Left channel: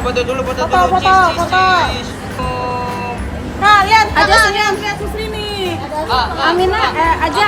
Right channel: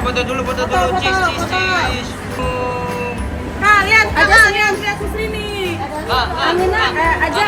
foto dulu, foto Foto, dulu. foto, Cheese, foto. cheese. Kak, lihat. Aja Kakak, senyum. lihat di sini. Amina, Aja.